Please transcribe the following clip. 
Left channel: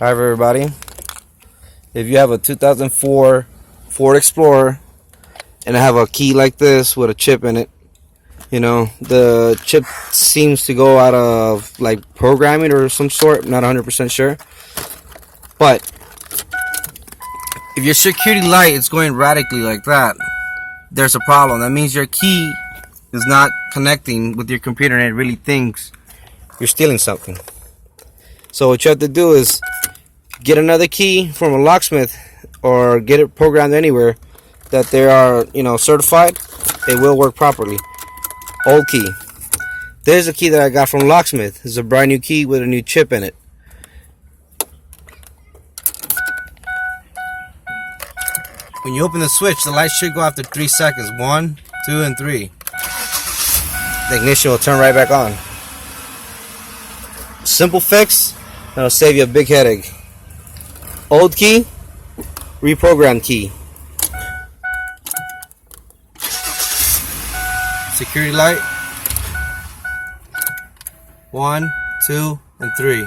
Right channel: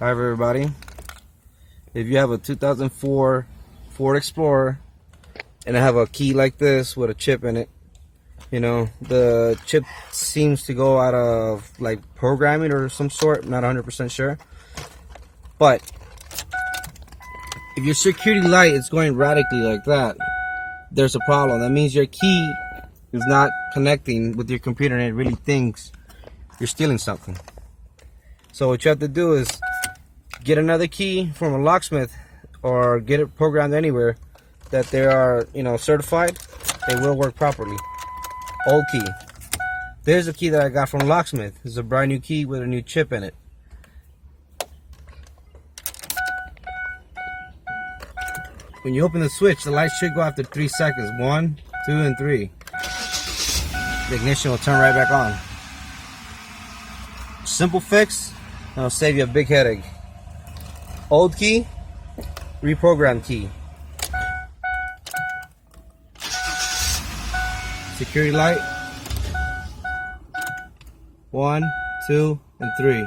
Hi everybody. If you have a 2004 Ford Explorer and I have a key like this with a chip in it, the chip seems to go out of like programming or some sort, not 100% sure. But if your security light is going radically like that, there's a problem. That means your key is not connecting with your computer and it really thinks you're stealing something. So what you have to do is get another key from a locksmith or get it programmed anywhere that they are, certified. It will work properly. Old key. There's a key that I got from locksmith. It's a brand new key with a new chip in it. When you open the switch, the light should go after 3 seconds. 1, 2, and 3. The ignition will turn right back on. Simple fix, and it'll save you a big headache. Old key, reprogrammed key. Security light. 1, 2, and 3.